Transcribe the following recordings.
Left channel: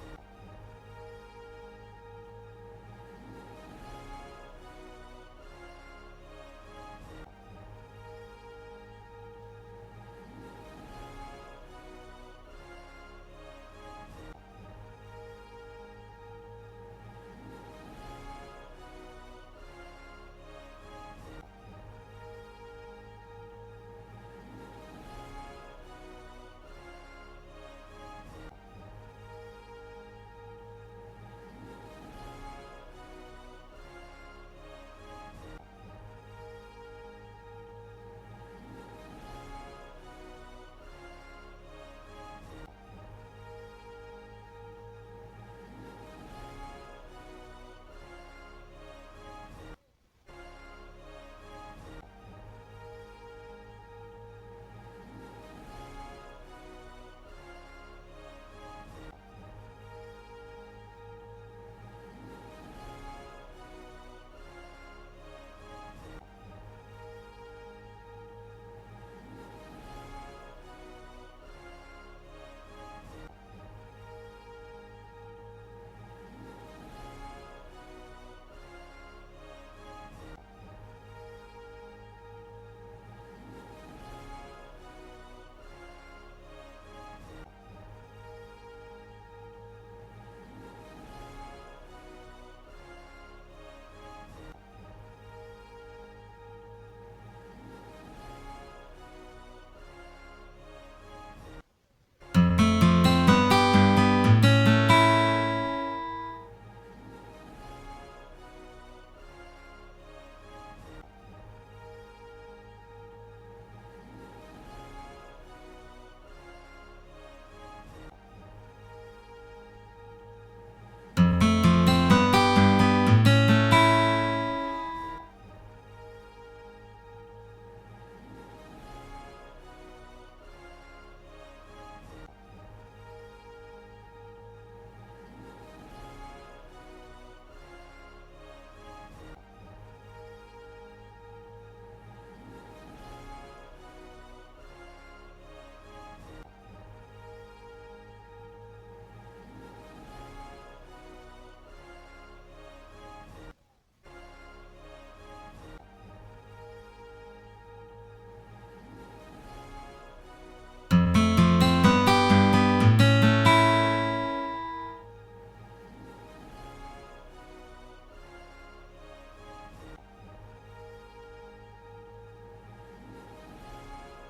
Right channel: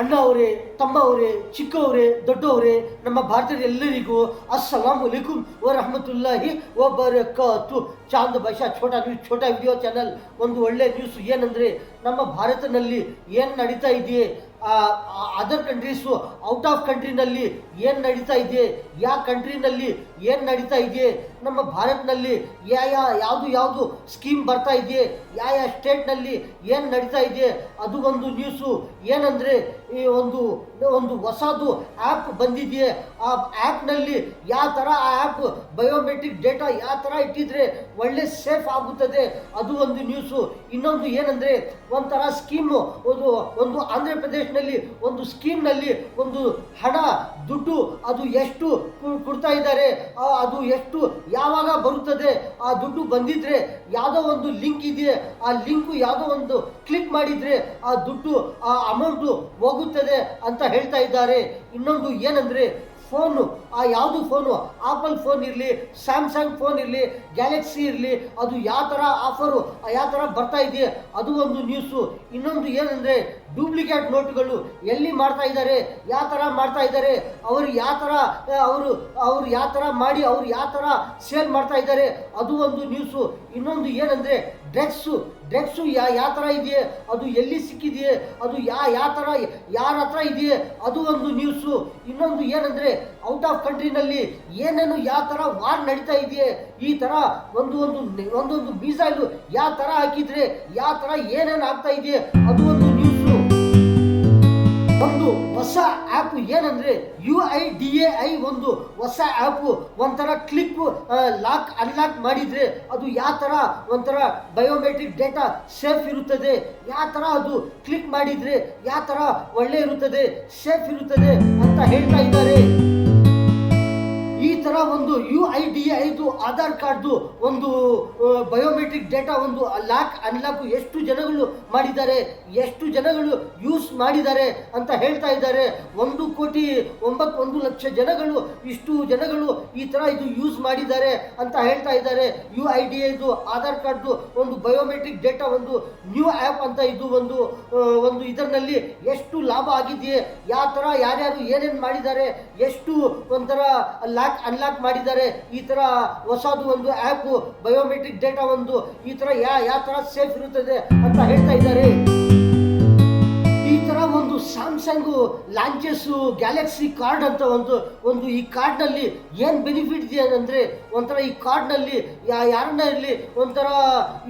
ಅಣ್ಣ ಅವರೇ, ತಮ್ಮ ಅವರೇ, ಚಿಕ್ಕವರೇ, ದೊಡ್ಡವರೇ, ನಮ್ಮ ಭಾರತದ ಎಲ್ಲರಿಗೂ ಅಸ್ಸಲಾಂ ಅಲೈಕುಂ ವ ರಹಮತುಲ್ಲಾಹಿ ವ ಬರಕಾತು. Chand Basha Chota news, Chota video channel. ಒಂದು ಒಳ್ಳೆ ನ್ಯೂಸ್ ಏನಂದರೆ, ನಮ್ಮ ಭಾರತದಲ್ಲಿ ಏನು ನಡೀತಾ ಇದೆಯೇ, ಅದರ್ ಕಂಟ್ರೀಸು, ಔಟ್ ಆಫ್ ಕಂಟ್ರಿನಲ್ಲಿ ಏನು ನಡೀತಾ ಇದೆ, ಯಾವ ಕಂಟ್ರಿನಲ್ಲಿ ಏನು ನಡೀತಾ ಇದೆ, ನಮ್ಮ ಭಾರತದಲ್ಲಿ ಯಾವುದು ಸ್ಕೀಮ್ ಬರ್ತಾ ಇದೆ, ಯಾವ ಸ್ಟೇಟ್ನಲ್ಲಿ ಏನು ನಡೀತಾ ಇದೆ, ಅದು ಒಂದು ನ್ಯೂಸು. ಏನಂದರೆ, ಈ ಒಂದು ಹೊಸದು ಆ್ಯಪ್ ಬಂದಿದೆಯೇ, ಆ ಆ್ಯಪ್ನಲ್ಲಿ ಯಾವ ಥರ ಆ ಆ್ಯಪ್ ಬಯೋಮೆಟ್ರಿಕ್ ಡೇಟಾ ಯಾವ ಥರ ಇಟ್ಟಿದ್ರೆ ಒಳ್ಳೆ ಸೇಫ್ ಆಗುತ್ತದೆ, ಅದು ಒಂದು ನ್ಯೂಸು. ಇನ್ನೊಂದು ಏನಂದರೆ, ಒಂಥರ ಸ್ಕೀಮು, ಒಂದು ಆಂಧ್ರ ಪ್ರದೇಶನಲ್ಲಿ ಒಂದು ಸ್ಕೀಮ್ನಲ್ಲಿ ಒಂದು ಹಣ ದುಡ್ಡು ಅದು ಎಷ್ಟು ಕೊಡ್ತಾ ಇದ್ದಾರೆ, ಅದು ಎಷ್ಟು ಯಾವಾಗ ಬರುತ್ತದೆ, ಆ ದುಡ್ಡು ಬಂದಿದ್ರೆ ಯಾವುದೋ ಒಂದು ಲಿಂಕ್ ಇದೆ, ಆ ಲಿಂಕು ಯಾವುದೋ ಒಂದು ಕ್ಲಿಕ್ ಮಾಡಿದರೆ ಆ ದುಡ್ಡು, ಆ ಅಮೌಂಟು ಹೋಗುತ್ತದೆ ಅಂತ ಹೇಳ್ತಾ ಇದ್ದಾರೆ. ಇನ್ನೊಂದು ಏನಂದರೆ, ಫೋನು, ಆ ಯಾವುದು ಫೋನು, ಆಪಲ್ ಫೋನ್ ಇರಲಿ, ಸ್ಯಾಮ್ಸಂಗ್ ಫೋನ್ ಇರಲಿ, ಗ್ಯಾಲಕ್ಸಿ ಇರಲಿ, ಅದು ಯಾವ ಥರ ಆಫರು ಯಾವ ಥರ ಬರ್ತಾ ಇದೆ, ಅದು ಒಂದು ನ್ಯೂಸು. ಇನ್ನೊಂದು ಏನಂದರೆ, ಡೂಪ್ಲಿಕೇಟ್ ನೋಟುಗಳು ಎಲ್ಲಿ ಮಾಡ್ತಾ ಇದ್ದಾರೆ, ಯಾವ ಥರ ಮಾಡ್ತಾ ಇದ್ದಾರೆ, ಅವರು ಯಾವ ಥರ ಮಾಡಿ ಅವ್ರು ಯಾವ ಥರ ಸೇಲ್ ಮಾಡ್ತಾ ಇದ್ದಾರೆ, ಅದು ಒಂದು ನ್ಯೂಸು. ಇನ್ನೊಂದು ಏನಂದರೆ, ಡ್ರಗ್ಸು ಯಾವ ಥರ ಇದೆಯೇ, ಅದು ಎಲ್ಲಿ ಸಿಕ್ಕಿದೆಯೇ, ಅದು ಯಾವ ಥರ ಯಾರ ಹತ್ರ ಇದೆಯೇ, ಅದು ಒಂದು ನ್ಯೂಸು. ಇನ್ನೊಂದು ಏನಂದರೆ, ಔಟ್ ಆಫ್ ಕಂಟ್ರಿನಲ್ಲಿ ಏನೇನು ಯಾವ ಥರ ವಾರ್ ನಡೀತಾ ಇದೆಯೇ, ಈ ಥರ ಒಂದೊಂದು ಮಿಸೈಲು ಯಾವ ಥರ ಹಾಕಿದರೆ ಯಾವ ಥರ ಏನೇನು ಆಗ್ತಾ ಇದೆಯೇ, ಅದು ಒಂದು ನ್ಯೂಸು. ಒಂದು ಹೊಸ ಆ್ಯಪ್ ಏನಂದರೆ, UIDAI ಒಂದು ಹೊಸ ಆ್ಯಪು. ಒಂಥರ ಕ್ಲಿಕ್ ಲಾಕ್ ಅನ್ಲಾಕ್ ಮಾಡಿದರೆ ಅದು ಯಾವ ಥರ ಒಂಥರ ಬಯೋಮೆಟ್ರಿಕ್ ಡೇಟಾ ಸೇಫ್ ಇರುತ್ತದೆ, ಯಾವ ಥರ ಅದು ಕ್ಲಿಕ್ ಮಾಡಿದರೆ ಯಾವ ಥರ ಒಳ್ಳೆ ಇರುತ್ತದೆ, ಸೇಫ್ ಇರುತ್ತದೆ ಅಂತ ಹೇಳ್ತಾ ಇದ್ದಾರೆ. ಈ ಥರ ಒಂದು UIDAIದು ಆಧಾರ್ ಕಾರ್ಡ್ದು ಒಂದು ಬಯೋಮೆಟ್ರಿಕ್ ಡೇಟಾ ಒಂದು ಲಾಕ್ ಅನ್ಲಾಕ್ ಎಷ್ಟು ಜನಗಳು ಮಾಡಿದ್ದಾರೆ, ಎಷ್ಟು ಜನಗಳು ಯೂಸ್ ಮಾಡಿದ್ದಾರೆ ಅಂತ ಹೇಳ್ತಾ ಇದ್ದಾರೆ. 1,91,00,000 ಜನಗಳು, ಇಷ್ಟು ಜನಗಳು ಈ ಥರ ಇದು ಯೂಸ್ ಮಾಡಿದ್ದಾರೆ ಅಂತ ಹೇಳ್ತಾ ಇದ್ದಾರೆ. UIDAIದು ಆಧಾರ್ ಕಾರ್ಡ್ದು ಒಂದು ಬಯೋಮೆಟ್ರಿಕ್ ಡೇಟಾ ಒಂದು ನ್ಯೂ ಆ್ಯಪ್ ಅಂತ ಇದು ಒಂದು ಇದರಲ್ಲಿ ಎಷ್ಟು ಲಾಭ ಆಗಿದೆಯೇ, ಯಾವ ಥರ ಯಾರ್ಯಾರು ಏನೇನು ಮಾಡಿದ್ದಾರೆ, ಎಷ್ಟು ಒಂಥರ ಲಾಕ್ ಅನ್ಲಾಕ್ ಮಾಡಿದ್ದಾರೆ, ಈ ಥರ ಹೊಸದು ಒಂದು ಆ್ಯಪ್ ಬಯೋಮೆಟ್ರಿಕ್ ಡೇಟಾ ಒಂದು ಈ ಥರ ಯಾವ ಥರ ಸೇಫ್ ಇರುತ್ತದೆ ಅಂತ ಹೇಳ್ತಾ ಇದ್ದಾರೆ. ಈ ಥರ ಒಂದು ಸ್ಯಾಮ್ಸಂಗು ಲಾಂಚಸ್ಸು ಗ್ಯಾಲಕ್ಸಿ ಕಾರ್ಡ್ ಅಂತ ಒಂದು ಈ ಕಾರ್ಡ್ನಲ್ಲಿ ಏನು ಬೆನಿಫಿಟ್ ಇದೆ ಅಂದರೆ, ಒಂಥರ ಈ ಕಾರ್ಡ್ನಲ್ಲಿ ಯಾರನ್ನ ಇರಲಿ ಒಂಥರ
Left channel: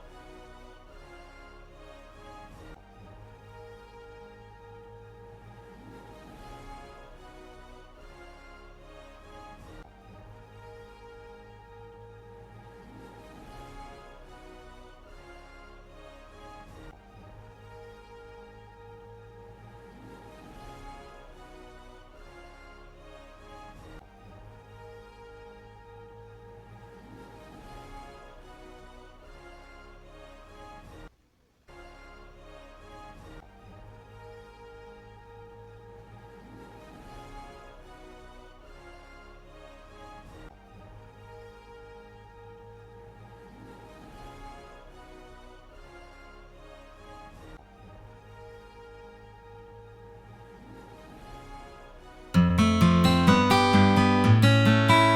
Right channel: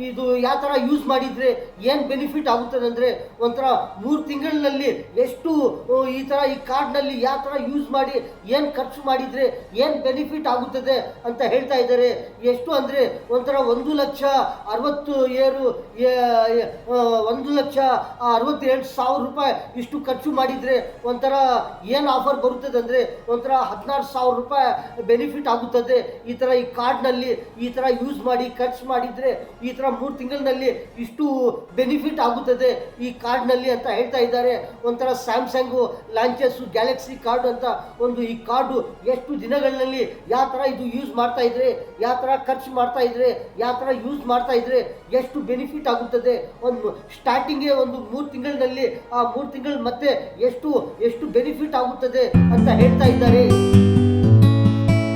ಇದು ಯಾವ ಥರ ಯೂಸ್ ಮಾಡಿದರೆ ಏನು ಬೆನಿಫಿಟ್ ಆಗುತ್ತದೆ ಅಂದರೆ, ಒಂಥರ 3 ತಿಂಗಳಿನಲ್ಲಿ ಎಷ್ಟು ಈ ಥರ ಈ ಕಾರ್ಡ್ನಲ್ಲಿ ಯಾವ ಥರ ಯೂಸ್ ಮಾಡಿ ಏನು ಖರ್ಚು ಮಾಡಿದರೆ ಏನು ಬೆನಿಫಿಟ್ ಆಗುತ್ತದೆ ಅಂತ ಹೇಳ್ತಾ ಇದ್ದಾರೆ. ಎಷ್ಟು ಅಂದರೆ, ಒಂಥರ 1,67,000 ರೂಪಾಯಿ ಇಷ್ಟು ಖರ್ಚು ಮಾಡಿದರೆ ಒಂಥರ ಏನು ಆಫರ್ ಬರುತ್ತದೆ ಅಂದರೆ, ಒಂಥರ 16,000 ರೂಪಾಯಿ ಬೆನಿಫಿಟ್ ಆಗುತ್ತದೆ. ಈ ಥರ ಈ ಕಾರ್ಡ್ನಲ್ಲಿ ಈ ಥರ ಯೂಸ್ ಮಾಡಿ ಖರ್ಚು ಮಾಡಿದರೆ ಈ ಥರ 3 ತಿಂಗಳಿನಲ್ಲಿ ಇಷ್ಟು ಬೆನಿಫಿಟ್ ಆಗುತ್ತದೆ ಈ ಕಾರ್ಡ್ನಲ್ಲಿ ಅಂತ ಹೇಳ್ತಾ ಇದ್ದಾರೆ. ಒಂಥರ ಸ್ಯಾಮ್ಸಂಗು ಲಾಂಚಸ್ಸು ಗ್ಯಾಲಕ್ಸಿ ಕಾರ್ಡ್ ಅಂತ ಈ ಕಾರ್ಡು ಎಷ್ಟು ದಿನಗಳಲ್ಲಿ ಯಾವ ಥರ ಇದು ಯೂಸ್ ಮಾಡ್ತಾ ಇದ್ರೆ, ಯಾವ ಥರ ಖರ್ಚು ಮಾಡ್ತಾ ಇದ್ರೆ, ಯಾವ ಥರ ಯೂಸ್ ಮಾಡ್ತಾ ಇದ್ರೆ ಎಷ್ಟು ಬೆನಿಫಿಟ್ ಆಗುತ್ತದೆ. ಒಂದು ಸ್ಟಾರ್ಟಿಂಗೇ ಒಂದು 3 ತಿಂಗಳಿನಲ್ಲಿ ಆ 3 ತಿಂಗಳು ಮತ್ತೆ ಎಷ್ಟು ಬೆನಿಫಿಟ್ ಆಗುತ್ತದೆ ಅಂತ ಹೇಳ್ತಾ ಇದ್ದಾರೆ.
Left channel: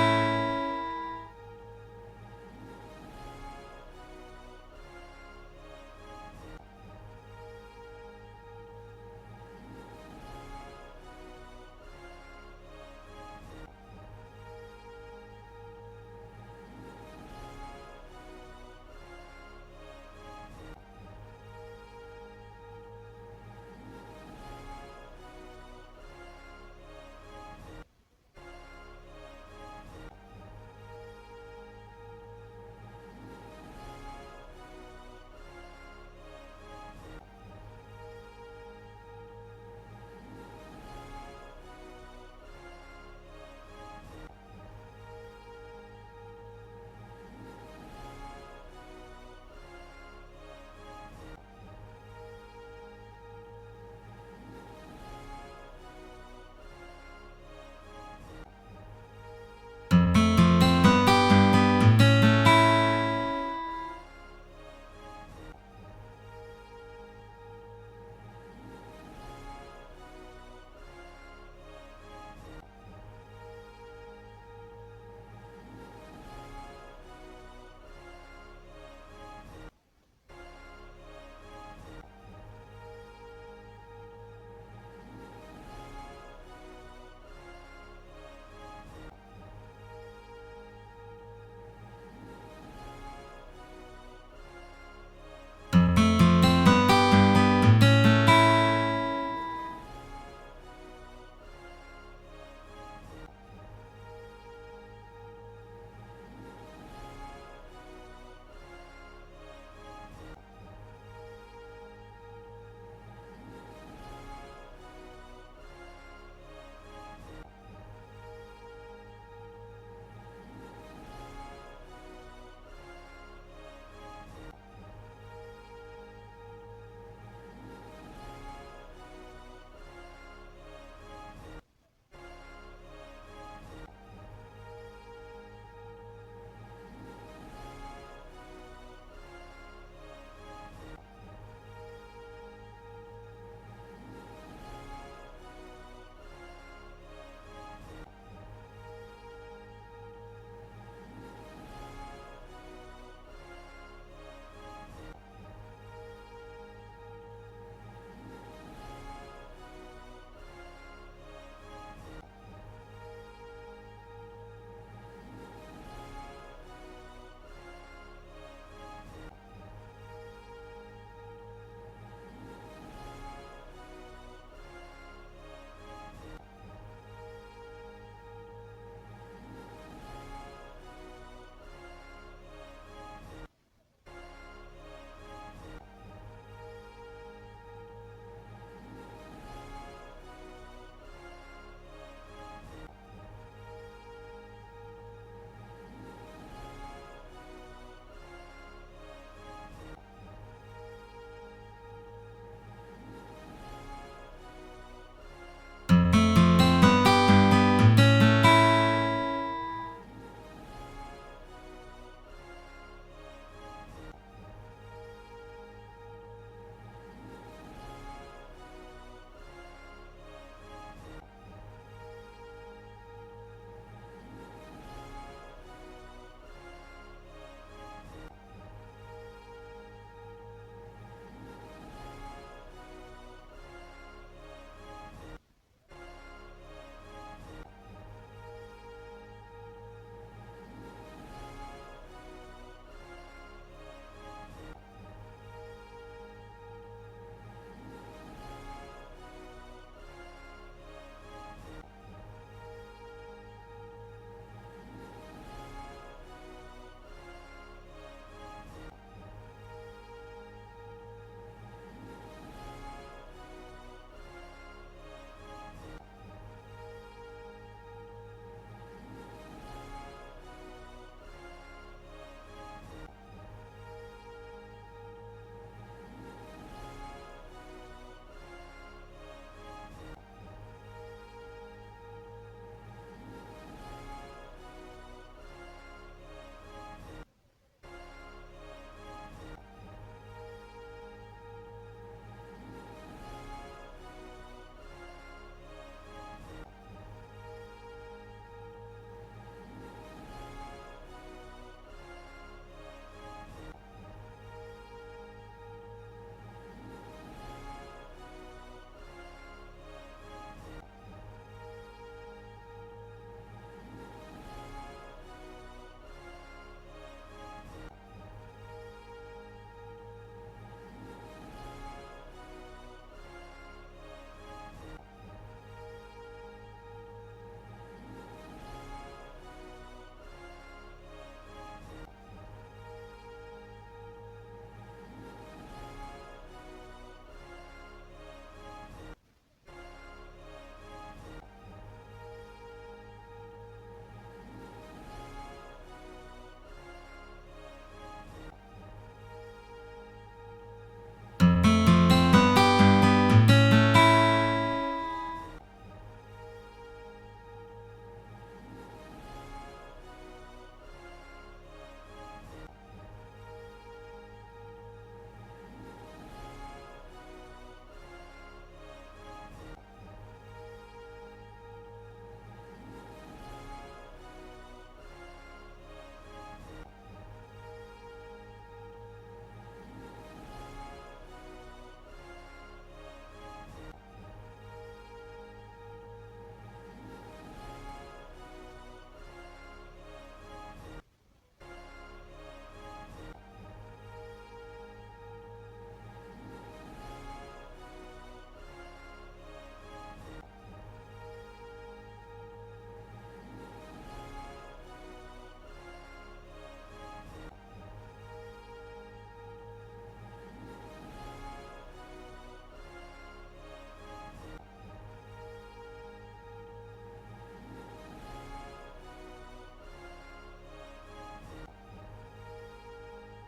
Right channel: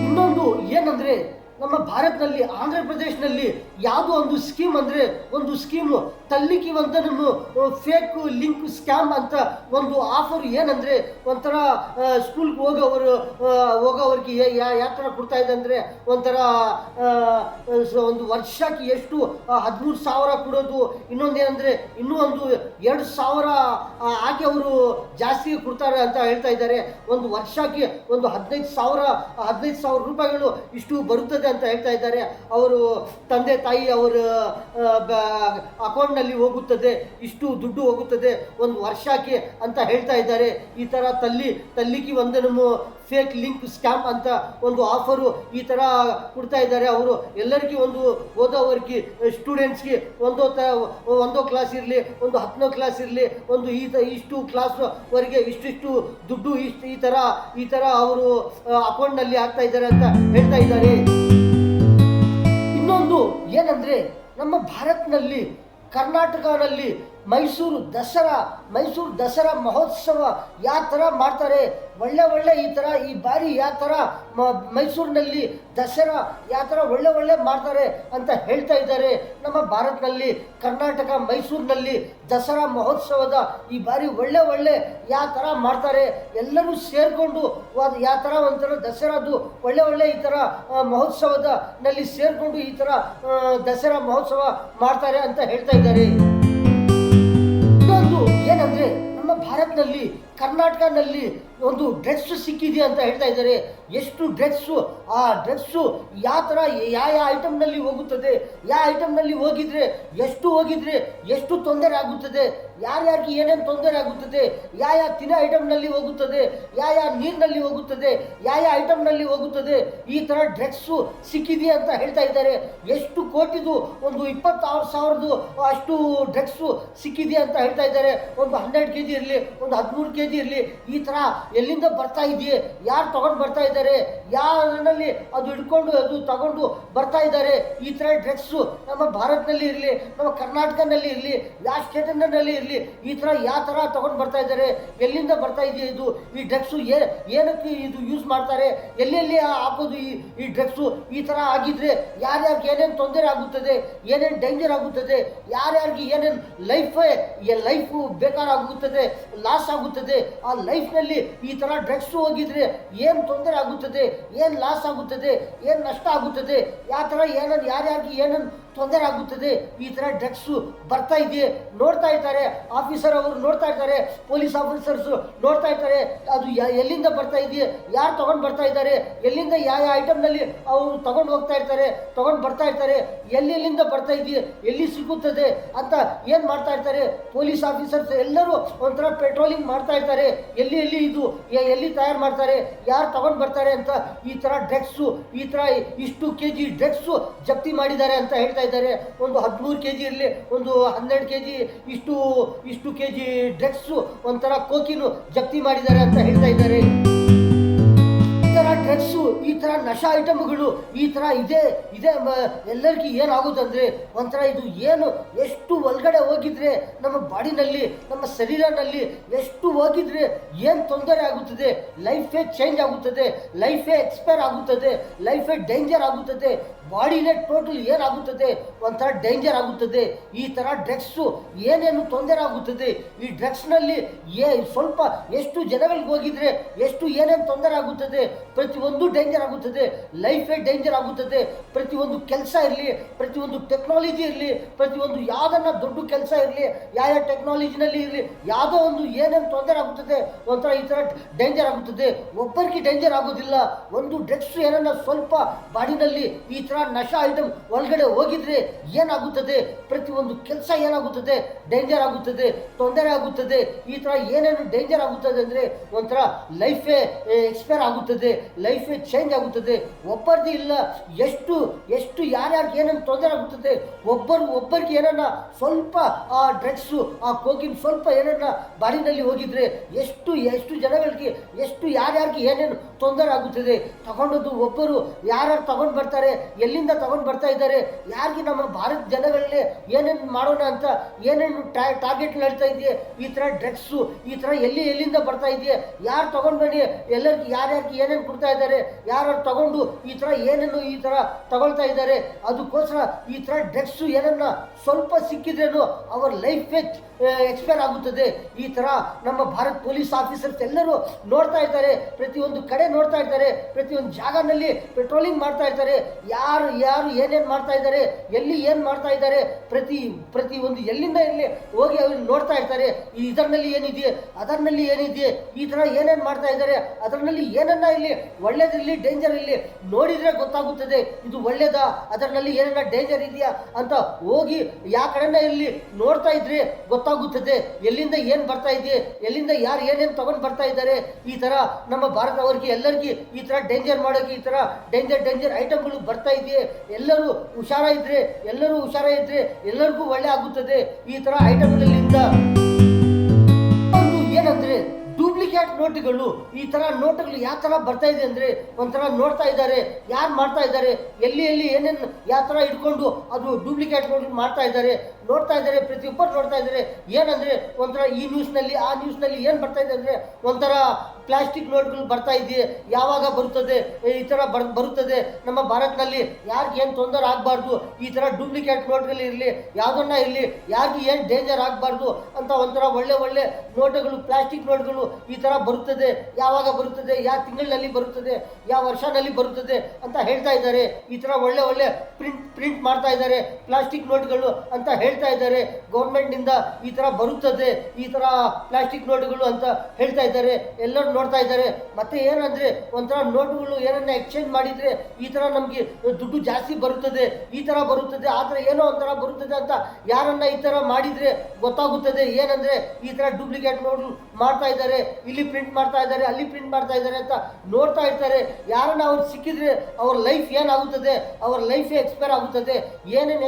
ಇನ್ನೊಂದು ಏನಂದ್ರೆ, ನಮ್ಮ ಭಾರತದಲ್ಲಿ ಆಂಧ್ರ ಪ್ರದೇಶನಲ್ಲಿ ಯಾವುದೋ ಒಂದು ಸ್ಕೀಮ್ ಅಂದರೆ, ಒಂದು ಸ್ಕೀಮು ತಲ್ಲಿಕಿ ಒಂದನ್ನು ಫೇಕ್ ಲಿಂಕ್ ಸ್ಕ್ಯಾಮ್ ಅಂತ ಒಂದು ಆಫರ್. ಏನಂದರೆ, ಒಂಥರ ಸ್ಕೂಲ್ಗೆ ಹೋಗೋವ್ರಿಗೆ ಯಾವ ಥರ ಕೊಡ್ತಾ ಇದೆ ಅಂದರೆ, ಒಂಥರ ಒಂದು ವರ್ಷಕ್ಕೆ ಎಷ್ಟು 13,000 ಕೊಡೋದು. ಇನ್ನೊಂದೇನೆಂದರೆ, ಇನ್ನೂ ಒಂದು 2,000 ಹಾಕಿ ಅವರು ಜಾಸ್ತಿ ಕೊಡ್ತಾರೆ ಅಂತ ಹೇಳ್ತಾ ಇದ್ದಾರೆ. ಒಂದು ವರ್ಷಕ್ಕೆ ಒಂದು 15,000 ರೂಪಾಯಿಗಳು ಇಷ್ಟು ಬರುತ್ತದೆ ಅಂತ ಹೇಳ್ತಾ ಇದ್ದಾರೆ. ಅವರು ತಂದೆ ತಾಯಿ ಅವರ ಅಕೌಂಟ್ನಲ್ಲಿ ಹೋಗುತ್ತದೆ, ಇಷ್ಟು ದುಡ್ಡು ಹೋಗುತ್ತದೆ ಒಂದು ವರ್ಷಕ್ಕೆ ಅಂತ ಹೇಳ್ತಾ ಇದ್ದಾರೆ. ಈ ಥರ ತಲ್ಲಿಕಿ ಒಂದನ್ನು ಫೇಕ್ ಲಿಂಕ್ ಸ್ಕ್ಯಾಮ್ ಅಂತ ಒಂದು ಆಫರು ಈ ಥರ ಕೊಡ್ತಾ ಇದ್ದಾರೆ. ಅವರು ಎಲ್ಲರಿಗೂ ಒಂದು ಓದೋವರಿಗೆ ಸ್ಟೂಡೆಂಟ್ಸ್ಗೆ ಒಂದೋ ಕ್ಲಾಸ್ ಇರಲಿ, ಒಂದು 10ನೇ ಕ್ಲಾಸ್ ಇರಲಿ, ಒಂದು ಇಷ್ಟು ಕ್ಲಾಸ್ವರೆಗೆ ಇಷ್ಟಿಷ್ಟು ದುಡ್ಡು ಈ ಥರ ಅವರು ಅಕೌಂಟ್ನಲ್ಲಿ ಹಾಕ್ತಾ ಇದ್ದಾರೆ ಅಂತ ಹೇಳ್ತಾ ಇದ್ದಾರೆ. ಇನ್ನೊಂದು ಏನಂದರೆ, ನಮ್ಮ ಭಾರತದಲ್ಲಿ ಕರ್ನಾಟಕದಲ್ಲಿ ಮೈಸೂರು ದಸರಾ ಮಹೋತ್ಸವ ಯಾವ ಥರ ಮಾಡ್ತಾರೆ, ಒಳ್ಳೆ ಈ ಥರ ಈ ಬಾರಿ ಯಾವ ಥರ ಮೈಸೂರಿನಲ್ಲಿ ದಸರಾ ಯಾವ ಥರ ಒಳ್ಳೆ ಮಾಡ್ತಾರೆ ಅಂತ ಹೇಳ್ತಾ ಇದ್ದಾರೆ. ನಮ್ಮ ಭಾರತದಲ್ಲಿ ಕರ್ನಾಟಕ ಮೈಸೂರಿನಲ್ಲಿ ದಸರಾ ಮಹೋತ್ಸವದ ಈ ಬಾರಿ ಒಳ್ಳೆ ಯಾವ ಥರ ಮಾಡ್ತಾರೆ, ಎಲ್ಲರೂ ಸೇರಿಕೊಂಡು ಯಾವ ಥರ ಒಂಥರ ದಸರಾದು ಒಳ್ಳೆ ಈ ಥರ ಮಹೋತ್ಸವದ ನಲ್ಲಿ ಸೇರಿಕೊಂಡು ಈ ಥರ ದಸರಾ ಮಹೋತ್ಸವ ಮಾಡ್ತಾರೆ ಅಂತ ಹೇಳ್ತಾ ಇದ್ದಾರೆ. ಇನ್ನೊಂದು ಏನಂದರೆ, ನಮ್ಮ ಭಾರತದಲ್ಲಿ ಕರ್ನಾಟಕದಲ್ಲಿ ಒಂದು ಡ್ರಗ್ಸ್ ಸಿಕ್ಕಿದೆ ಅಂತ ಹೇಳ್ತಾ ಇದ್ದಾರೆ. ಎಷ್ಟು ಡ್ರಗ್ಸು, ಆ ಡ್ರಗ್ಸು ಯಾವ ಥರ ಯಾವ ಐಟಮ್ನಲ್ಲಿ ಹೋಗುತ್ತದೆ, ಯಾವ ಐಟಮ್ನಲ್ಲಿ ಹೋಗಿದ್ರೆ ಎಷ್ಟು ತೊಂದರೆ ಆಗುತ್ತದೆ, ಯಾರ್ಯಾರಿಗೆ ಏನೇನು ತೊಂದರೆ ಆಗುತ್ತದೆ, ಯಾವ ತಿನ್ನೋ ಐಟಮ್ನಲ್ಲಿ ಹೋಗುತ್ತದೆ, ಯಾವ ನೀರಿನಲ್ಲಿ ಹೋಗುತ್ತದೆ, ಯಾವ ಐಟಮ್ನಲ್ಲಿ ಹೋಗುತ್ತದೆ, ಈ ಥರ ಡ್ರಗ್ಸು ಸಿಕ್ಕಿದೆ ಅಂತ ಹೇಳ್ತಾ ಇದ್ದಾರೆ. ಎಷ್ಟು ಕೋಟಿದು, ಒಂದು 26,000 ಅಷ್ಟು ಡ್ರಗ್ಸು ಸಿಕ್ಕಿದೆ ಅಂತ ಹೇಳ್ತಾ ಇದ್ದಾರೆ. ಒಂದು 12 kg ಇರಲಿ, ಒಂದು 13 kg ಇರಲಿ, ಈ ಥರ ಎಲ್ಲಿಂದ ಬರ್ತಾ ಇದೆಯೇ, ಯಾರು ತಗೊಂಡು ಬರ್ತಾ ಇದ್ದಾರೆ, ಯಾರಲ್ಲಿ ಅದು ಹಿಡ್ಕೊಂಡು ಅದು ತಗೊಂಡು ಬರ್ತಾ ಇದ್ದಾರೆ. ಈ ಥರ ಡ್ರಗ್ಸು ನಮ್ಮ ಭಾರತದಲ್ಲಿ ಇರಲಿ, ನಮ್ಮ ಕರ್ನಾಟಕದಲ್ಲಿ ಇರಲಿ, ಯಾವ ಸ್ಟೇಟ್ನಲ್ಲಿ ಇರಲಿ, ಈ ಥರ ಯಾವ ಥರ ತಗೊಂಡು ಬರ್ತಾ ಇದ್ದಾರೆ, ಎಲ್ಲಿಂದ ಬರ್ತಾ ಇದೆಯಾ ಇದು, ಈ ಡ್ರಗ್ಸು ಏನಕ್ಕೆ ಇದು ಯೂಸ್ ಮಾಡ್ತಾರೆ, ಎಲ್ಲೆಲ್ಲಿ ಹಾಕೋದು ಈ ಡ್ರಗ್ಸು. ಈ ಥರ ಆಗಿದ್ರೆ ಯಾರ್ಯಾರಿಗೆ ಏನೇನು ತೊಂದರೆ ಆಗುತ್ತದೆ, ಏನೇನು ಡೇಂಜರ್ ಆಗುತ್ತದೆ, ಯಾರ್ಯಾರಿಗೆ ಏನೇನು ಲೈಫು ಬೇಕಾರಾಗುತ್ತದೆ, ಲಾಸ್ ಆಗುತ್ತದೆ. ಆ ಲೈಫ್ನಲ್ಲಿ ಈ ಥರ ಡ್ರಗ್ಸು ಹೋಗಿದ್ರೆ ಏನು ತೊಂದರೆ ಆಗುತ್ತದೆ, ಏನು ಲಾಸ್ ಆಗುತ್ತದೆ, ಏನು ನಷ್ಟ ಆಗುತ್ತದೆ, ಯಾವ ಥರ ಏನೇನು ಯಾರ್ಯಾರಿಗೆ ಏನೇನು ತೊಂದರೆ ಆಗುತ್ತದೆ. ಈ ಥರ ಡ್ರಗ್ಸು ಬರ್ತಾ ಇದೆ, ನೋಡ್ತಾ ಇರ್ತಾರೆ ಆಫೀಸರ್ ಅವರು, ನೋಡ್ತಾ ಇರ್ತಾರೆ ಪೊಲೀಸ್ ಆಫೀಸರ್ಸು, ನೋಡ್ತಾ ಇರ್ತಾರೆ ಅದು ಎಲ್ಲಿಂದ ಬರ್ತಾ ಇದೆಯೇ, ಯಾರು ತೊಗೊಂಡು ಬರ್ತಾ ಇದ್ದಾರೆ, ಎಲ್ಲಿಂದ ಯಾವ ಐಟಮ್ನಲ್ಲಿ ಅವರು ತೊಗೊಂಡು ಹೋಗ್ತಾ ಇರ್ತಾರೆ, ತೊಗೊಂಡು ಬರ್ತಾ ಇರ್ತಾರೆ, ಎಲ್ಲಿಂದ ಬರ್ತಾ ಇದೆಯೇ, ಎಲ್ಲಿ ಸಿಗುತ್ತದೆ ಅಂತ ಏನು ಮಾಡ್ತಾ ಇರ್ತಾರೆ ಪೊಲೀಸ್ ಆಫೀಸರ್ಸ್ ಎಲ್ಲರೂ ಒಂಥರ ಪೆಟ್ರೋಲಿಂಗ್ ಮಾಡ್ತಾ ಇರ್ತಾರೆ, ಎಲ್ಲಿ ತಯಾರು ಮಾಡ್ತಾರೆ, ಯಾರು ತಗೊಂಡು ಬರ್ತಾರೆ ಅಂತ. ಈ ಥರ ಡ್ರಗ್ಸು, ಈ ಥರ ಇಷ್ಟು kg ಡ್ರಗ್ಸು ಜಪ್ತಿ ಮಾಡಿದ್ದಾರೆ ಅಂತ ಹೇಳ್ತಾ ಇದ್ದಾರೆ. ಒಂದು 13 kg ಇರಲಿ, ಒಂದು 12 kg ಇಷ್ಟು kg ಡ್ರಗ್ಸು, ಒಂಥರ ಕೋಕಿನು ಜಪ್ತಿ ಮಾಡಿದ್ದಾರೆ ಅಂತ ಹೇಳ್ತಾ ಇದ್ದಾರೆ. ಈ ಥರ ಡ್ರಗ್ಸು, ಈ ಥರ ನಶಾ ಐಟಮ್ಗಳು ಈ ಥರ ಇದೆ ಎಲ್ಲರಿಗೂ ಏನಾಗುತ್ತಂದರೆ, ಒಂಥರ ಇದು ಏನು ಎಷ್ಟು ಒಳಗಡೆ ಹೋಗಿದ್ರೆ ನಮ್ಮ ಬಾಡಿನಲ್ಲಿ, ನಮ್ಮ ಶರೀರನಲ್ಲಿ ಎಷ್ಟು ಹೋಗಿದ್ರೆ ಏನು ತೊಂದರೆ ಆಗುತ್ತದೆ, ಲೈಫೇ ಚೇಂಜ್ ಆಗುತ್ತದೆ, ಲೈಫೇ ಎಕ್ಸ್ಪೈರ್ ಆಗುತ್ತದೆ, ಲೈಫೇ ಡೇಂಜರ್ ಆಗುತ್ತದೆ, ಬಾಡಿನೇ ಟೋಟಲ್ ಏನಾಗುತ್ತದೆ, ಒಂಥರ ಡೇಂಜರ್ ಆಗುತ್ತದೆ. ಈ ಥರ ಡ್ರಗ್ಸು ಏನೇನು ತೊಂದರೆ ಆಗುತ್ತದೆ, ಈ ಡ್ರಗ್ಸ್ನಲ್ಲಿ ಸ್ವಲ್ಪ ಎಷ್ಟು ಜನಗಳಿಗೆ ಹೋಗಿದ್ರೆ ಎಷ್ಟು ಏನೇನು ತೊಂದರೆ ಆಗುತ್ತದೆ, ಪ್ರತಿಯೊಂದು ಡೇಂಜರ್ ಆಗುತ್ತದೆ, ಲೈಫೇ ಡೇಂಜರ್ ಆಗುತ್ತದೆ. ಪ್ರತಿಯೊಂದು ಕೆಲಸ ಇರಲಿ, ಪ್ರತಿಯೊಂದು ಟೆಕ್ನಾಲಜಿ ಇರಲಿ, ಪ್ರತಿಯೊಂದು ಯಾವುದನ್ನ ದೊಡ್ಡ ಕೆಲಸ ಇರಲಿ, ಯಾವ ಟೆಕ್ನಾಲಜಿನಲ್ಲಿ ಇರಲಿ, ಯಾವುದೋ ಒಂದು ಏನೇನು ತೊಂದರೆ ಆಗುತ್ತದೆ, ಒಂಥರ ಈ ಥರ ಡೇಂಜರ್ ಆಗುತ್ತದೆ. ಒಬ್ಬರಿಗೆ ಡೇಂಜರ್ ಆಗೋದಿಲ್ಲ, ಒಂದು ಡ್ರಗ್ಸ್ ಏನನ್ನ ಸ್ವಲ್ಪ ಬಾಡಿನಲ್ಲಿ ಈ ಥರ ನಶಾ ಐಟಮ್ ಒಳಗಡೆ ಹೋಗಿದ್ರೆ ಏನಾಗುತ್ತದೆ, ಪ್ರತಿಯೊಂದು ಕೆಲಸ ಏನಾಗುತ್ತದೆ, ಡೇಂಜರ್ ಆಗುತ್ತದೆ, ತೊಂದರೆ ಆಗುತ್ತದೆ. ಈ ಥರ ಏನೇನು ಡೇಂಜರ್ ಆಗುತ್ತದೆ ಅಂದರೆ ಒಂಥರ ಲೈಫೇ ಎಕ್ಸ್ಪೈರ್ ಆಗುತ್ತದೆ, ಲೈಫೇ ಚೇಂಜ್ ಆಗುತ್ತದೆ. ಒಬ್ಬರದ್ದು ಇಲ್ಲ, ಎಷ್ಟು ಯಾರ್ಯಾರಿಗೆ ಏನೇನು ತೊಂದರೆ ಆಗುತ್ತದೆ, ಒಬ್ಬರಿಗೆ ಏನನ್ನ ಸ್ವಲ್ಪ ಆ ಡ್ರಗ್ಸು, ಆ ಕೋಕಿನ್ ಸ್ವಲ್ಪ ಏನನ್ನ ಬಾಡಿನಲ್ಲಿ ಹೋಗಿದ್ರೆ ಎಷ್ಟು ಜನಗಳಿಗೆ ಎಷ್ಟು ಯಾರ್ಯಾರಿಗೆ ಏನೇನು ತೊಂದರೆ ಆಗುತ್ತದೆ. ತಗೊಂಡದ್ದು ಒಬ್ಬರು ಯಾರು ತಗೊಂಡು ಬರ್ತಾರೆ, ಎಲ್ಲಿಂದ ತಗೊಂಡು ಬರ್ತಾ ಇದ್ದಾರೆ, ಯಾರಿಗೆ ನಮ್ಮ ಭಾರತ ಜನಗಳಲ್ಲಿ ಏನೇನು ಮಾಡೋಣ ಅಂತ ಏನೇನು ಟಾರ್ಗೆಟ್ ಹೇಳ್ತಾ ಇದೆಯೇ, ಈ ಥರ ಡ್ರಗ್ಸು ಈ ಥರ ಎಲ್ಲಿಂದ ಬರ್ತಾ ಇದೆಯೇ, ಯಾರು ತಗೊಂಡು ಬನ್ನಿ, ಎಲ್ಲರಿಗೂ ಯಾರ್ಯಾರಿಗೆ ಏನೇನು ಕೊಡ್ತಾ ಇದ್ದಾರೆ, ಯಾರು ತಗೊಂಡು ಈ ಥರ ಏನೇನು ಈ ಥರ ತಗೊಳ್ತಾ ಇದ್ದಾರೆ. ಅದಕ್ಕೋಸ್ಕರ ಈ ಥರ ಡ್ರಗ್ಸು ಏನನ್ನ ಸ್ವಲ್ಪ ಸಿಕ್ಕಿದ್ರೇನು ಅವರ ಲೈಫೇ ಎಕ್ಸ್ಪೈರ್ ಆಗುತ್ತದೆ. ಈ ಥರ ನಮ್ಮ ಭಾರತ ಪೊಲೀಸ್ ಆಫೀಸರ್ಸ್ ಎಲ್ಲರೂ ನೋಡ್ತಾ ಇದ್ದಾರೆ, ಪ್ರತಿಯೊಂದು ಕಡೆ ನೋಡ್ತಾ ಇರ್ತಾರೆ, ಪ್ರತಿಯೊಂದು ಜಾಗನಲ್ಲಿ ಪೆಟ್ರೋಲಿಂಗ್ ಮಾಡ್ತಾ ಇರ್ತಾರೆ, ಯಾರು ಏನೇನು ಮಾಡ್ತಾ ಇದ್ದಾರೆ, ಎಲ್ಲಿ ಏನು ಮಾಡ್ತಾ ಇದ್ದಾರೆ, ಪ್ರತಿ ಒಂದು ಎಲ್ಲಿಂದ ಎಲ್ಲಿ ಹೋಗಿ ಅವ್ರು ನೋಡ್ತಾ ಇರ್ತಾರೆ. ಇದರಲ್ಲಿ ಏನಿದೆ, ಅದರಲ್ಲಿ ಏನಿದೆ, ಈ ಥರ ಏನೇನು ಮಾಡ್ತಾ ಇದ್ದಾರೆ, ಅದರಲ್ಲಿ ಏನನ್ನ ಇಲ್ಲಿ ಒಳ್ಳೇದಿರಲಿ ಡೇಂಜರ್ ಇಲ್ಲಿ ನೋಡಿದರೆ ಗೊತ್ತಾಗುತ್ತದೆ, ಇದು ಒಳ್ಳೇದಾ, ಅದರಲ್ಲಿ ಏನನ್ನ ಡೇಂಜರ್ ಇದೆಯಾ ಅಂತ ಹೋಗಿ ಯಾವ ಕಡೆನ ಇಲ್ಲಿ ನೋಡ್ತಾ ಇದ್ರೆ ಗೊತ್ತಾಗುತ್ತದೆ, ಎಲ್ಲಿಂದ ಏನು ಬರ್ತಾ ಇದೆ, ಎಲ್ಲಿಂದ ಯಾರು ಏನೇನು ತಗೊಂಡು ಬರ್ತಾ ಇದ್ದಾರೆ. ಈ ಥರ ನಮ್ಮ ಭಾರತವರಿಗೆ ಎಲ್ಲರಿಗೂ ಈ ಥರ ಡೇಂಜರ್ ಮಾಡೋಕ್ಕೆ ಈ ಥರ ಡೇಂಜರ್ ಐಟಮ್ಗಳು ಬರ್ತಾ ಇದೆಯೇ, ಎಲ್ಲರೂ ಹುಷಾರಾಗಿದ್ರೆ ಎಲ್ಲರಿಗೂ ಒಳ್ಳೆ ಆಗುತ್ತದೆ. ಈ ಥರ ಐಟಮ್ಗಳಿಂದ ಏನಂದ್ರೆ ಡೂಪ್ಲಿಕೇಟ್ ನೋಟುಗಳು, ಈ ಥರ ನೋಟುಗಳು ಯಾವ ಥರ ಬರ್ತಾ ಇದೆ ಅಂದರೆ ಒಂಥರ ನೋಡ್ತಾ ಇದ್ದಾರೆ, ಯಾರು ಮಾಡ್ತಾ ಇದ್ದಾರೆ, ಎಲ್ಲಿ ಏನೇನು ಯಾವ ಥರ ಇಟ್ಕೊಂಡು ಅದು ಡೂಪ್ಲಿಕೇಟ್ ನೋಟು ಮಾಡ್ತಾ ಇದ್ದಾರೆ ನೋಡ್ತಾ ಇದ್ದಾರೆ, ಪ್ರತಿಯೊಬ್ಬರು ನೋಡ್ತಾ ಇದ್ದಾರೆ. ಏನಂದ್ರೆ ಒಂಥರ ಈ ನ್ಯೂಸ್ನಲ್ಲಿ ಆ ನ್ಯೂಸ್ನಲ್ಲಿ ಏನು ಬರ್ತಾ ಇದೆ ಅಂದರೆ ಒಂಥರ ಪ್ಲಾಸ್ಟಿಕ್ ನೋಟ್ಗಳು ಬರ್ತಾ ಇದೆಯೇ, ಯಾವಾಗ ಬರುತ್ತದೆ, ಈ ಥರ ಬರುತ್ತದೆ ನಮ್ಮ ಭಾರತದಲ್ಲಿ, ಯಾರಿಗೆ ಏನು ತೊಂದರೆ ಆಗಬಾರ್ದು, ಈ ಥರ ಡೂಪ್ಲಿಕೇಟ್ ನೋಟ್ಗಳು ಇರಲಿ, ಯಾವುದನ್ನ ಇರಲಿ, ಯಾರಿಗೆ ಏನು ಡೇಂಜರ್ ಆಗಬಾರ್ದು ಅಂತ ಒಂಥರ ಒಳ್ಳೆ ಒಳ್ಳೆ ನೋಟುಗಳು, ಪ್ಲಾಸ್ಟಿಕ್ ನೋಟ್ಗಳು ಈ ಥರ ಬರುತ್ತದೆ, ಯಾವಾಗ ಬರುತ್ತದೆ, ಯಾವ ತಿಂಗಳಿನಲ್ಲಿ ಬರುತ್ತದೆ, ಯಾವ ವರ್ಷನಲ್ಲಿ ಬರುತ್ತದೆ ಅಂತ ಹೇಳ್ತಾ ಇದ್ದಾರೆ. ಈ ಥರ ಒಳ್ಳೆ ಒಳ್ಳೆ ಪ್ರಿಂಟ್ ಮಾಡ್ತಾ ಇದ್ದಾರೆ ಪ್ಲಾಸ್ಟಿಕ್ ನೋಟ್ಗಳು ಅಂತ ಹೇಳ್ತಾ ಇದ್ದಾರೆ. ಗೌರ್ಮೆಂಟ್ನಿಂದ ಈ ಥರ ಬರುತ್ತದೆ, ಈ ಥರ ಪ್ಲಾಸ್ಟಿಕ್ ನೋಟ್ಗಳು ಅಂತ ಹೇಳ್ತಾ ಇದ್ದಾರೆ. ಎಲ್ಲರೂ ನೋಡ್ತಾ ಇದ್ದಾರೆ. ಮತ್ತೆ ಏನಂದ್ರೆ ಒಂಥರ ನೋಟುಗಳು ಏನನ್ನ ಎಕ್ಸ್ಚೇಂಜ್ ಮಾಡಿದ್ರೆ ಈ ಥರ ನಮಗೆ ದುಡ್ಡು ಜಾಸ್ತಿ ಬರುತ್ತದೆ, ಈ ಥರ ಬರುತ್ತದೆ, ಆ ಥರ ಏನೋ ಒಂಥರ ಬರುತ್ತದೆ ಅಂತ ಯಾರನ್ನ ಈ ಥರ ಮಾಡಿದ್ರೆ ಗೊತ್ತಾಗುತ್ತದೆ. ಏನಂದ್ರೆ ಈ ಥರ ಡೂಪ್ಲಿಕೇಟ್ ನೋಟು ಮಾಡ್ತಾ ಇದ್ದಾರೆ, ಇಲ್ಲಿ ಪ್ರಿಂಟ್ ಮಾಡ್ತಾ ಇದ್ದಾರೆ, ಅಲ್ಲಿ ಪ್ರಿಂಟ್ ಮಾಡ್ತಾ ಇದ್ದಾರೆ ಅಂತ ನೋಡ್ತಾ ಇರ್ತಾರೆ. ಯಾರನ್ನ ಅವ್ರು ಸಿಕ್ಕಿದ್ರೆ ಅವ್ರ ಲೈಫ್ ಏನಾಗುತ್ತದೆ, ಅವ್ರ ಲೈಫೇ ಎಕ್ಸ್ಪೈರ್ ಆಗುತ್ತದೆ. ಏನೇನು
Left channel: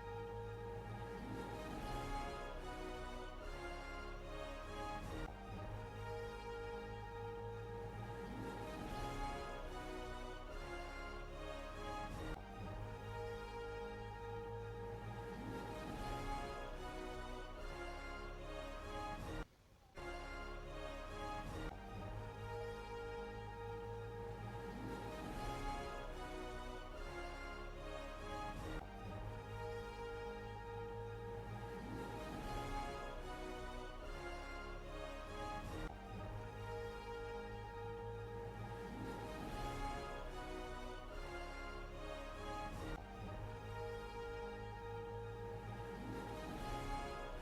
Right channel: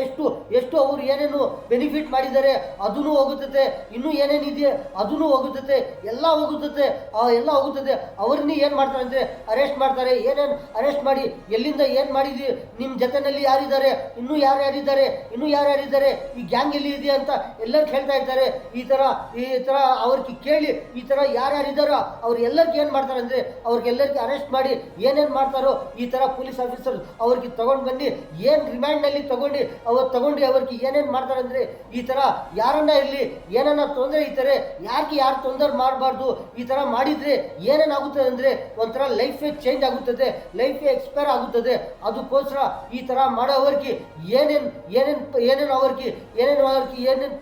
ಎಷ್ಟು ಅವರು ಏನೇನು ಬೆನಿಫಿಟ್ ಮಾಡಿದ್ದಾರೆ ಅದೂ ಹೋಗುತ್ತದೆ, ಇನ್ನೂ ಏನೇನಿದೆ ಅದೂ ಹೋಗುತ್ತದೆ, ಎಲ್ಲ ಹೋಗುತ್ತದೆ. ಅವ್ರನ್ನ ಏನು ಮಾಡ್ತಾರೆ ಅಂದರೆ ಅರೆಸ್ಟ್ ಮಾಡ್ತಾರೆ. ಏನೇನು ಅರೆಸ್ಟ್ ಮಾಡಿ ಎಲ್ಲಿಂದ ಏನು ಮಾಡಿದ್ವಿ, ನಿಮ್ಮ ಜೊತೆನಲ್ಲಿ ಯಾರಿದ್ದಾರೆ, ಇನ್ನೂ ಯಾರ್ಯಾರಿದ್ದಾರೆ, ಈ ಗ್ಯಾಂಗ್ ಎಲ್ಲಿ ಇದೆ ಅಂತ ಎಲ್ಲರೂ ಹೇಳ್ತಾ ಇರ್ತಾರೆ. ಈ ಥರ ಅವ್ರಿಗೆ ಕೇಳಿ ಈ ಥರ ಯಾರ್ಯಾರಿದ್ದಾರೋ ಅವ್ರು ಎಲ್ಲರಿಗೂ ಏನು ಮಾಡ್ತಾರೆ ಅಂದರೆ ಅವ್ರಿಗೆಲ್ಲರಿಗೂ ಅರೆಸ್ಟ್ ಮಾಡಿ ಏನೇನು ಮಾಡ್ತಾರೋ ಈ ಥರ ಪೊಲೀಸ್ ಆಫೀಸರ್ ಅವ್ರಿಗೆ ತಗೊಂಡು ಬಂದು ಏನು ರಿಮ್ಯಾಂಡ್ನಲ್ಲಿ ತಗೊಂಡು ಅವ್ರಿಗೆ ಏನೇನು ಮಾಡ್ತಾರೆ ಅಂದರೆ ಈ ಥರ ಯಾರನ್ನ ಇರಲಿ ಏನನ್ನ ತೊಂದರೆ ಇರ್ತಾರೆ, ಯಾರು ತೊಂದರೆ ಮಾಡಬಾರ್ದು. ಈ ಥರ ಮಾಡಿದರೆ ಏನೇನಾಗುತ್ತದೆ ಅಂದರೆ ಒಂಥರ ಲೈಫೇ ಚೇಂಜ್ ಆಗುತ್ತದೆ, ಲೈಫೇ ಎಕ್ಸ್ಪೈರ್ ಆಗುತ್ತದೆ. ಅದಕ್ಕೋಸ್ಕರ ಈ ಥರ ಮಾಡೋವ್ರಿಗೆ ಏನೇನು ಅವ್ರಿಗೆ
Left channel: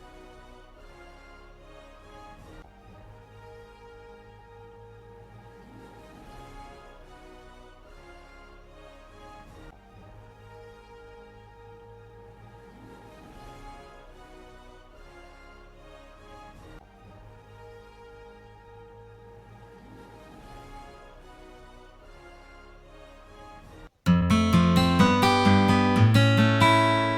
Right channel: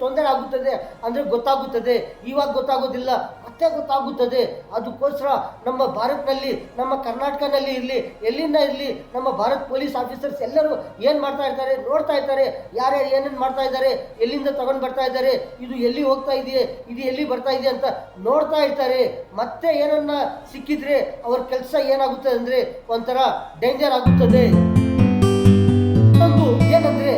ತೊಂದರೆ ಆಗುತ್ತದೆ ಅಂದರೆ ಗೊತ್ತಾಗುತ್ತದೆ. ಇವಾಗ ಗೊತ್ತಾಗೋದಿಲ್ಲ, ಮತ್ತೆ ಗೊತ್ತಾಗುತ್ತದೆ. ಅದಕ್ಕೋಸ್ಕರ ನಮ್ಮ ಭಾರತದಲ್ಲಿ, ನಮ್ಮ ಕರ್ನಾಟಕದಲ್ಲಿ ಇರಲಿ, ಎಲ್ಲಿಂದ ಇರಲಿ, ನಮ್ಮ ಭಾರತ್ ಪೊಲೀಸ್ ಆಫೀಸರ್ಸ್ ಎಲ್ಲರೂ ಏನು ಮಾಡ್ತಾ ಇರ್ತಾರೆ ನೋಡ್ತಾ ಇರ್ತಾರೆ. ಯಾರ್ಯಾರು ಏನೇನು ಮಾಡ್ತಾ ಇದ್ದಾರೆ, ಎಲ್ಲಿಂದ ತಗೊಂಡು ಬರ್ತಾ ಇದ್ದಾರೆ, ಇದು ಎಲ್ಲಿ ಹೋಗ್ತಾ ಇದೆಯೇ, ಇದು ಎಲ್ಲಿ ಬರ್ತಾ ಇದೆ ಅಂತ ನೋಡ್ತಾ ಇರ್ತಾರೆ. ಮತ್ತೆ ಏನನ್ನ ಸಿಕ್ಕಿದ್ರೆ ಅವ್ರ ಕೆಲಸ ಏನಾಗುತ್ತದೆ ಅಂದರೆ ಒಂಥರ ಡೇಂಜರ್ ಆಗುತ್ತದೆ. ಏನಂದ್ರೆ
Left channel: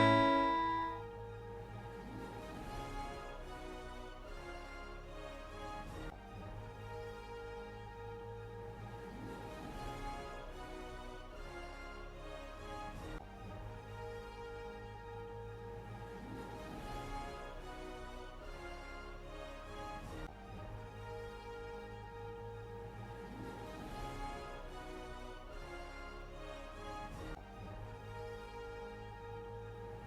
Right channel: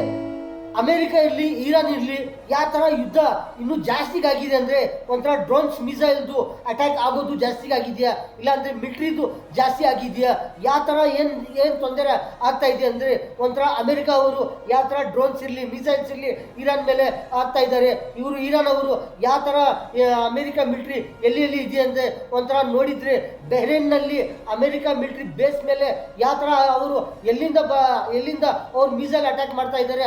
ಅಮೆರಿಕ ಇರಲಿ, ಇರಾನ್ ಇರಲಿ, ಯಾವ ಥರ ಯುದ್ಧ ಇನ್ನೂ ಜಾಸ್ತಿಗಾಗಿದೆ ಅಂದರೆ ಒಂಥರ ಡ್ರೋನ್ಸ್ ಮಿಸೈಲ್ದು ಅಟ್ಯಾಕ್ ಆಗೋದು ಜಾಸ್ತಿಗಾಗಿದೆಯಾ, ಇಲ್ಲಾಂದರೆ ಮಿಲ್ಟ್ರಿದು ಜಾಸ್ತಿ ಆಗಿದೆಯಾ, ಯಾವ ಥರ ಏನು ತೊಂದರೆ ಆಗ್ತಾ ಇದೆ ಅಂದರೆ ಒಂಥರ ಅಮೆರಿಕ ಅವರು ಯಾವ ಥರ ಡ್ರೋನ್ಸ್ ಇರಲಿ, ಮಿಸೈಲ್ಸ್ ಇರಲಿ ಇರಾನ್ ಮೇಲೆ ಆಗ್ತಾ ಇದ್ದಾರೆ. ಇರಾನ್ ಅವರು ಯಾವ ಥರ ಅಮೆರಿಕ ಮಿಲ್ಟ್ರಿ ಎಲ್ಲಿ ಇದೆ ಅಂದರೆ ಒಂಥರ ನೋಡಿದರೆ ಬೆಹ್ರೇನ್ನಲ್ಲಿ ಅಮೆರಿಕ ಮಿಲ್ಟ್ರಿ ಬೇಸ್ ಮೇಲೆ ಯಾವ ಥರ ಅವರು ಎಲ್ಲಿಂದ ಅವ್ರು ಮಿಸೈಲ್ ಅಟ್ಯಾಕ್ ಮಾಡ್ತಾ ಇದ್ದಾರೆ.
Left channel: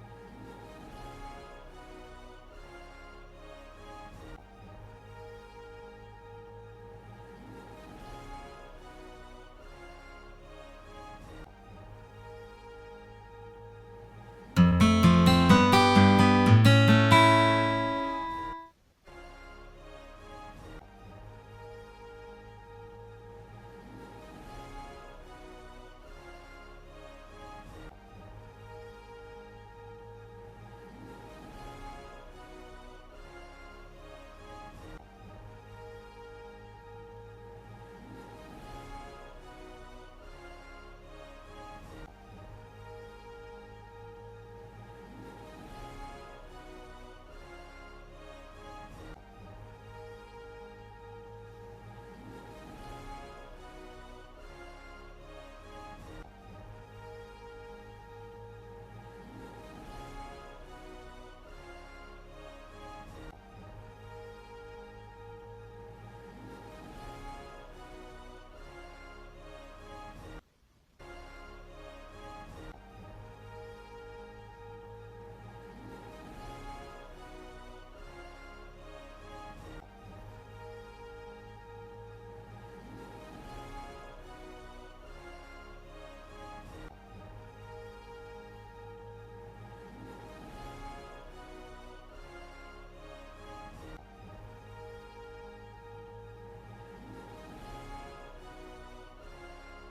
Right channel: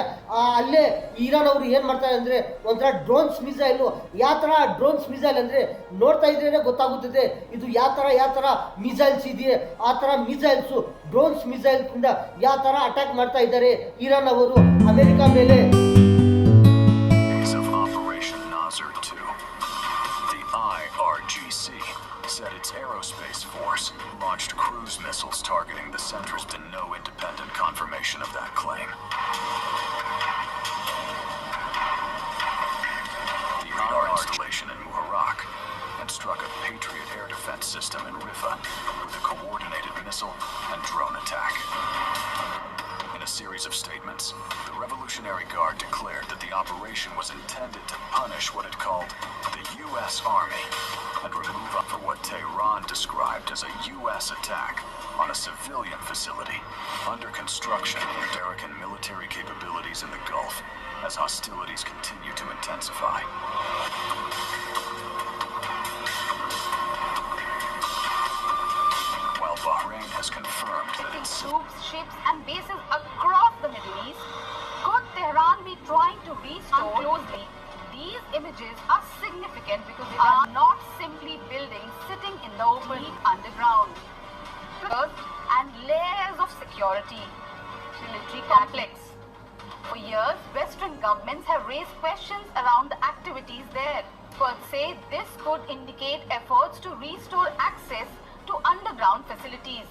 ಅಲ್ಲೇ ಇರಾನ್ ಅವರು ಏನು ಮಾಡ್ತಾರೆ ಅಂದರೆ ಒಂಥರ ಡ್ರೋನ್ಸ್ ಮಿಸೈಲು, ಯಾವ ಥರ ಡ್ರೋನ್ಸ್ ಮಿಸೈಲ್ ಅಂದರೆ ನೋಡ್ತಾ ಇದ್ರೇ ಗೊತ್ತಾಗುತ್ತದೆ ಇದು ಯಾವ ಥರ ಮಿಸೈಲ್ಸ್ ಇದೆಯೇ. ಆ ಥರ ಮಿಸೈಲ್ಸು, ಡ್ರೋನ್ಸ್ ಮಿಸೈಲ್ಸಿಂದ ಯಾವ ಥರ ಅಟ್ಯಾಕ್ ಮಾಡ್ತಾ ಇದ್ದಾರೆ ಇರಾನ್ ಅವರು ಅಮೆರಿಕ ಮೇಲೆ. Said its aerospace force launched cruise missiles targeting the centers to no independent confirmation of that claim. The radar installation in Muharraq and struck a Patriot air defense system in Riffa with a coordinated missile and drone attack. In a series of statements, the Revolutionary Guard declared that the operation was intended to punish what it called the U.S. Army and remove for what Tehran described as a U.S. attack on a civilian facility under construction of American military capabilities in the Gulf as hostilities continue to intensify. While Bahrain has confirmed that its troops, ships and bases across the Middle East, could Tehran be trying to restore closely? These images are significant because they are not simply buildings sitting in the open underground. And layers of security, military complex. For years, Western governments have raised questions around the activities there. Experts say this could indicate efforts to restore access to underground facilities.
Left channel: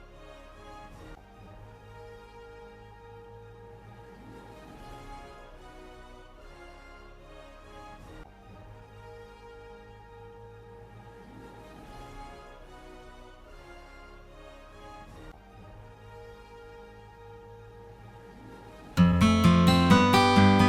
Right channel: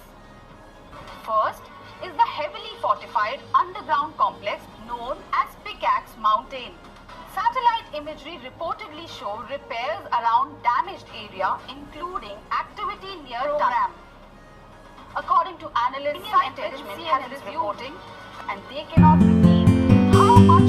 First is the heavily fortified underground complex known as Pickaxe Mountain. Satellite imagery reportedly show repairs around damaged area, including activity near program. According to analysts, management has been reporting, and they cannot see how much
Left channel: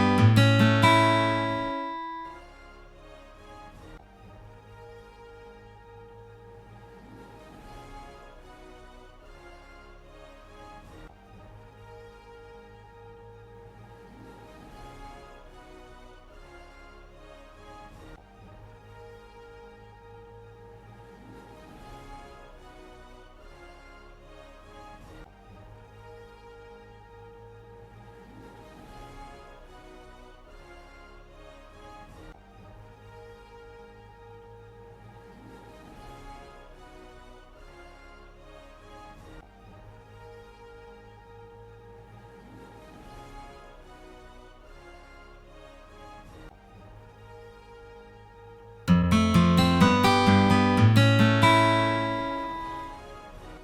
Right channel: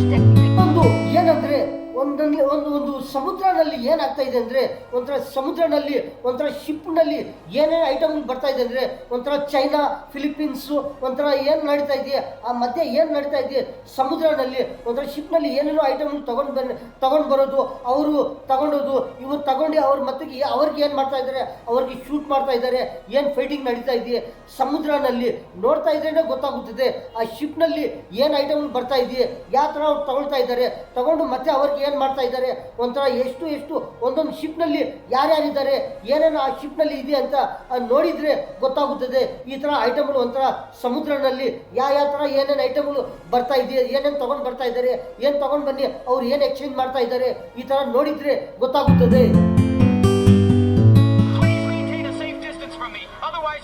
ಏನಂದ್ರೆ ಒಂದು ಸಮುದ್ರನಲ್ಲಿ ಏನಾಗ್ತಾ ಇದೆ ಅಂದರೆ ಒಂಥರ ಸಮುದ್ರನಲ್ಲಿ ಒಂಥರ ಶಿಪ್ನಲ್ಲಿ ಏನೇನು item ಬರ್ತಾ ಇದೆ ಅಂದರೆ ಒಂಥರ ಚೈನಾ ಫಿಲಿಪೀನ್ಸು ಒಂಥರ ಏನು ನಡೀತಾ ಇದೆಯಾ ಆ ಮಧ್ಯೆ ಏನು ನಡೀತಾ ಇದೆಯಾ ಸಮುದ್ರನಲ್ಲಿ ಒಂಥರ ಶಿಪ್ನಲ್ಲಿ ಏನೇನೋ ಐಟಮ್ ತಗೊಂಡು ಬರೋದು ಅವರು ತಗೊಂಡೋದು ಇವ್ರು ತಗೊಂಡು ಅವ್ರ ಮತ್ತಿಗೆ ಅವ್ರಿಗೆ ಏನು ಮಾಡ್ತಾ ಇದ್ದಾರೆ ಅವ್ರಿಗೆ ಶೂಟ್ ಮಾಡ್ತಾ ಇದ್ದಾರೆ ಏನು ಫೈಟಿಂಗ್ ನಡೀತಾ ಇದೆಯಾ ಸಮುದ್ರನಲ್ಲಿ ನೋಡ್ತಾ ಇದ್ರೇ ಗೊತ್ತಾಗುತ್ತದೆ ಆ ಶಿಪ್ನಲ್ಲಿ ಏನು ಐಟಮ್ ಬರ್ತಾ ಇದೆಯಾ ಯಾವ ಥರ ಅವ್ರು ತಗೊಳ್ತಾ ಇದ್ದಾರೆ ತಗೊಂಡು ಮತ್ತೆ ಅವ್ರಿಗೆ ಏನು ಮಾಡ್ತಾ ಇದ್ದಾರೆ ಒಂಥರ ಎಷ್ಟು ಒಂದೊಂದು ಶಿಪ್ನಲ್ಲಿ ಯಾರ್ಯಾರಿದ್ದಾರೆ ಏನೇನು ಆ ಶಿಪ್ನಲ್ಲಿ ಇದೆ ಅಂತ ನೋಡಿದರೆ ಗೊತ್ತಾಗುತ್ತದೆ ಈ ಥರ ಐಟಮ್ಗಳು ಒಂಥರ ಸಮುದ್ರನಲ್ಲಿ ಯಾವ ಥರ ಏನೇನು ಐಟಮ್ಗಳು ಬರ್ತಾ ಇದೆಯಾ ಏನೇನು ತಗೊಂಡು ಬರ್ತಾ ಇದ್ದಾರೆ ಏನು ತಗೊಂಡು ಬನ್ನಿ ಅವ್ರು ಏನು ಎಕ್ಸ್ಚೇಂಜ್ ಮಾಡ್ತಾ ಇದ್ದಾರೆ ಈ ಥರ ನೋಡಿದರೆ ಗೊತ್ತಾಗುತ್ತದೆ.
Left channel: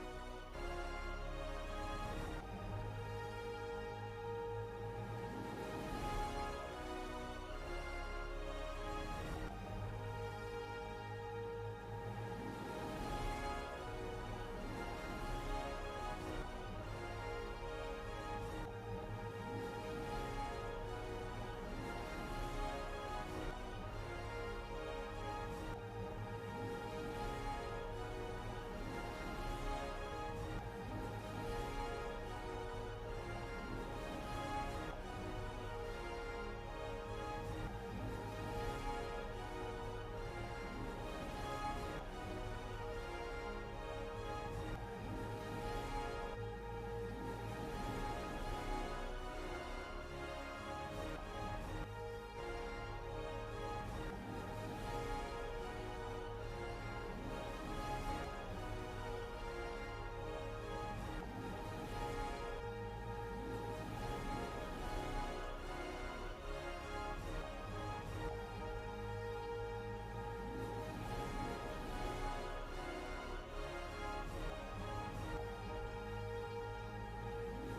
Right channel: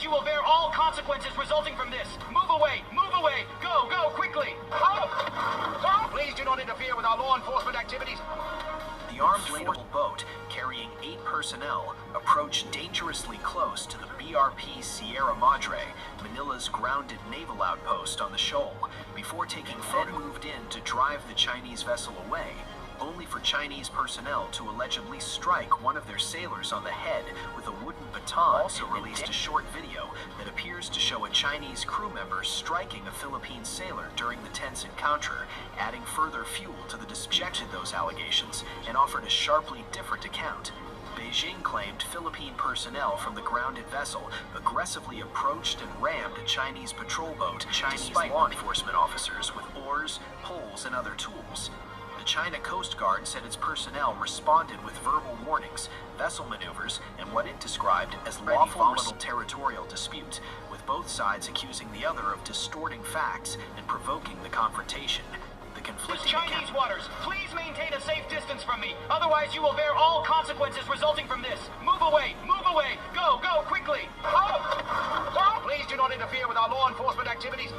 You will bear all consequences resulting from this. Move away! Go quickly! Please do not interfere with our law enforcement activities. The armed forces boat carrying 8 personnel approached dangerously close to the BRP Sierra Madre, Manila's grounded naval outpost on the shoal, before taking photo moved in to drive the Chinese vessel away, only for Chinese personnel to allegedly strike one of their sailors on the head with a wooden baton. Also released a short video that appears to show a Chinese crew member striking a Philippine sailor during the tense encounter, adding further fuel to the disputed those allegations and offered a sharply different account. Beijing claimed Philippine personnel from the grounded vessel aggressively approached and rammed a Chinese patrol boat, despite law enforcement officers with oars, poles, and other tools. The China Coast Guard said its personnel responded with verbal warnings, vessel maneuvers, and what it described as lawful territorial dispute, with both sides accusing the other of distorting facts and provoking the confrontation. The conflicting Chinese waters, please maintain a safe distance from me. Otherwise, you will bear all consequences resulting from this. Move away! Go quickly! Please do not interfere with our law enforcement activities.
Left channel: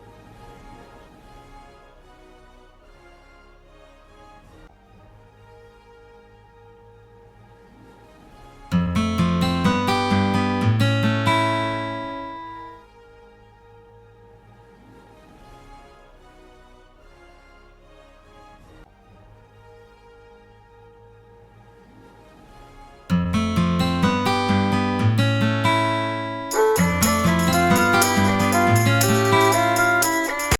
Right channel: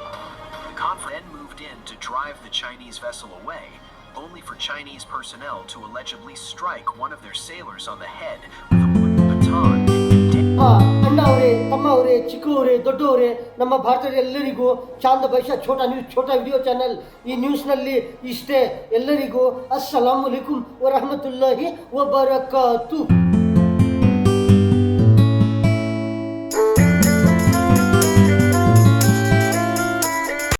The conflict then moved in to drive the Chinese vessel away, only for Chinese personnel to allegedly strike one of their sailors on the head with a wooden baton. ಅಣ್ಣ ಅವರೇ, ತಮ್ಮ ಅವರೇ, ಚಿಕ್ಕವರೇ, ದೊಡ್ಡವರೇ, ನಮ್ಮ ಭಾರತದ ಎಲ್ಲರಿಗೂ Chand ಬೈಶಾ Chota video channel ಈ ನ್ಯೂಸ್ನಲ್ಲಿ ಇಷ್ಟೇ. ಎಲ್ಲರಿಗೂ ಅಸ್ಸಲಾಮು ಅಲೈಕುಂ ವರಹಮತುಲ್ಲಾಹಿ ವಬರಕಾತು.